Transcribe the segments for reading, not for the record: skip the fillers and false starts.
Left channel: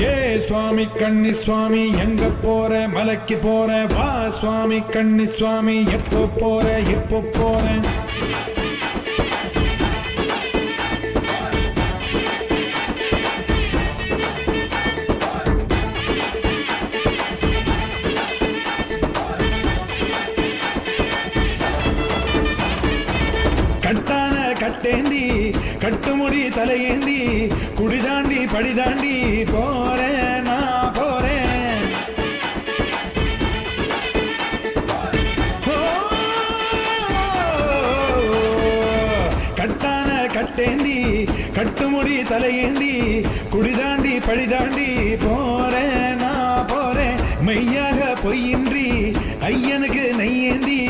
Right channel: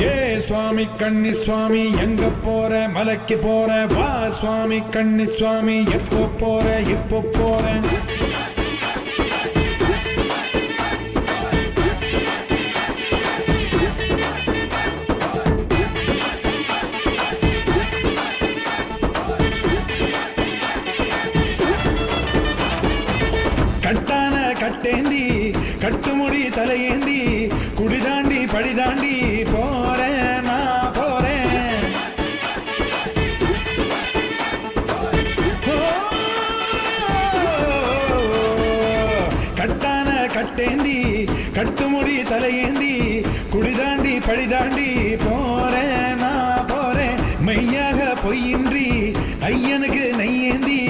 ஏ சுவாமி கண்ணி சுவாமி எங்க போற மலைக்கு போற வா சுவாமி கண்ணி சுவாமி எப்போ போற இப்போ போற கட்டான கட்டேந்தி கட்டுமுடி தலையேந்தி குடிதாண்டி படிதாண்டி போறேன் நான் போறேன். கட்டான கட்டேந்தி கட்டுமுடி தலையேந்தி குடிதாண்டி படிதாண்டி போறேன் நான் போறேன். மெய்யாக பொய்யின்றி ஐயனுக்கு நெய்யேந்தி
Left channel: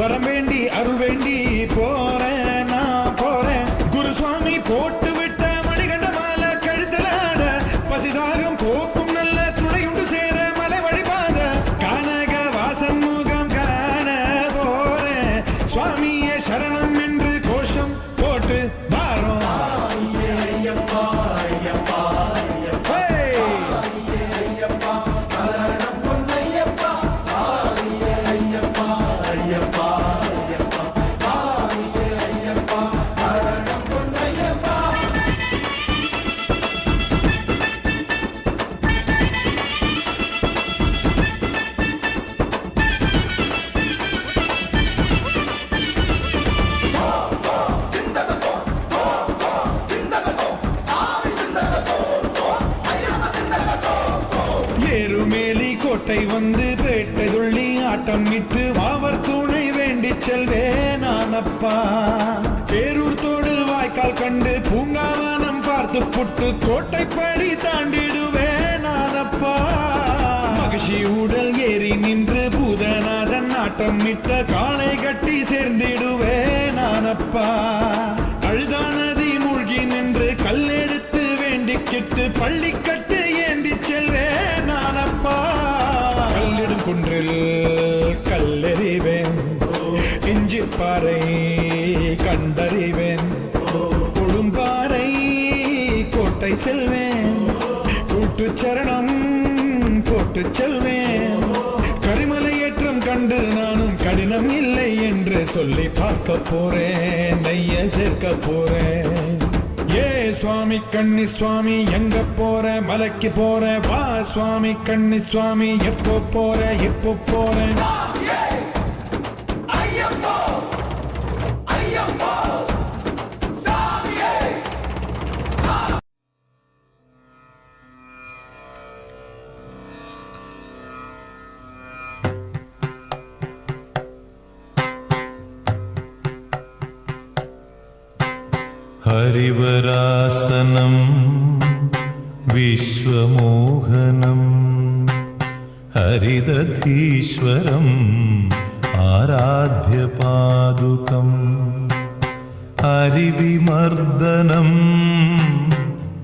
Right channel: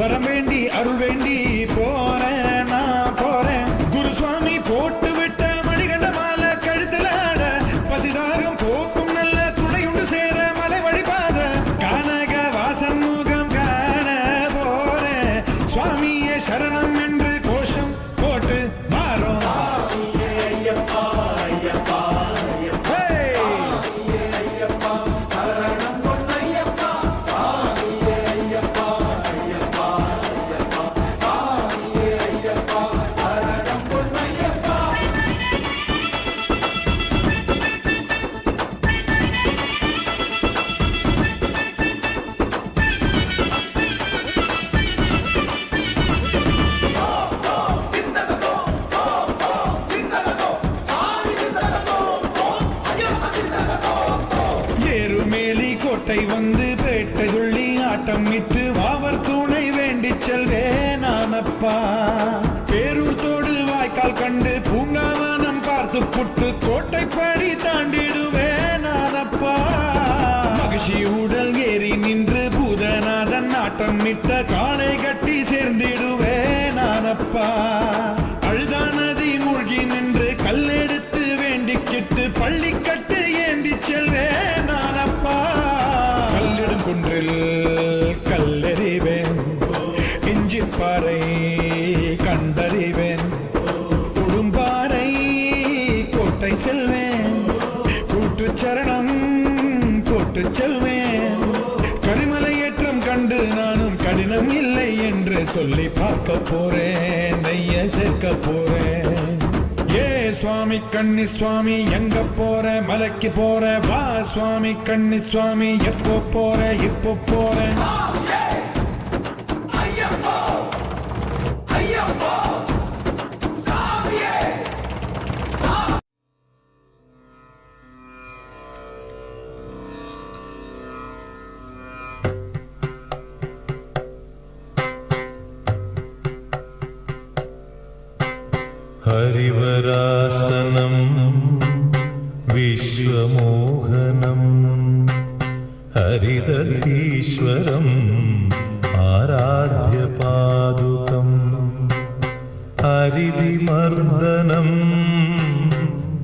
வரம் வேண்டி அருள் வேண்டி போறேன் நான் போறேன். குருசுவாமி போட்டு விட்ட மணிகண்ட மாலை கழுத்துல ஆட பசிதாகம் போக்கும் நல்ல துணையுண்டு சேர மலை வழிபாத கானக வாசன் முகம் காண போறேன். சுவாமியே சரணம் என்று கோஷம் போட்டு வாரோம். ஏறுமேலி கோட்டை வந்து பேட்டை துள்ளி ஆட்டம் இட்டு வாவர் துணை வேண்டி செல்வேன் நானப்பா. பேரூர் தோடு வாய்க்கால் கண்டு பூங்காவனம் பார்த்து புட்டு கோட்டைப்படி தாண்டிடுவேன் நானப்பா. மகிழ்ச்சி உடல் ஏறி நின்று பூதநாதன் ஆட்டம் இட்ட காளை கட்டி சேர்ந்திடுவேன் நானப்பா. அழுதா நதி மூழ்கி நின்று கல்லெடுத்து வேண்டிக்கிட்டு பள்ளி கட்டு ஏந்தி செல்வேன் நானப்பா. கல்லிடும் குன்றில் கல்லெறிவேன் இஞ்சி பாறை கண்டறிவேன். கொடும்பாறை கோட்டை செல்வேன் கூட்டு சரணம் போட்டு செல்வேன். கரிமலை ஏற்றம் கண்டு நானும் கடினம் இல்லை என்று சொல்லி பார்க்க போறேன் நெய்ய சேர்க்க போறேன். ஏ சுவாமி கண்ணி சுவாமி எங்க போற மலைக்கு போற வா சுவாமி கண்ணி சுவாமி எப்போ போற இப்போ போறேன். हरिवरासनं विश्वमोहनं हरिदधीश्वरम् आराध्यपादुकम् हरिविमर्दनं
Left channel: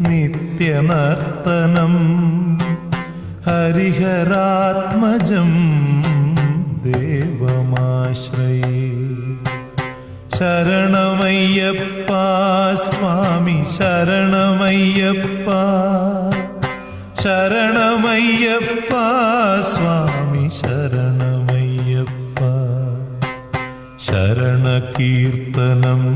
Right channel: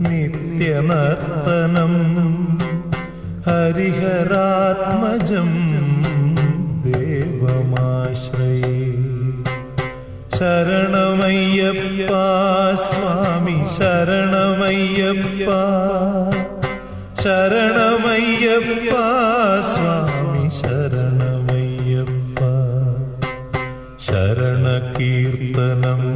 नित्यनर्तनं हरिहरात्मजं देवमाश्रये. शरणमय्यप्पा स्वामी शरणमय्यप्पा शरणमय्यप्पा स्वामी शरणमय्यप्पा. शरणकीर्तनम्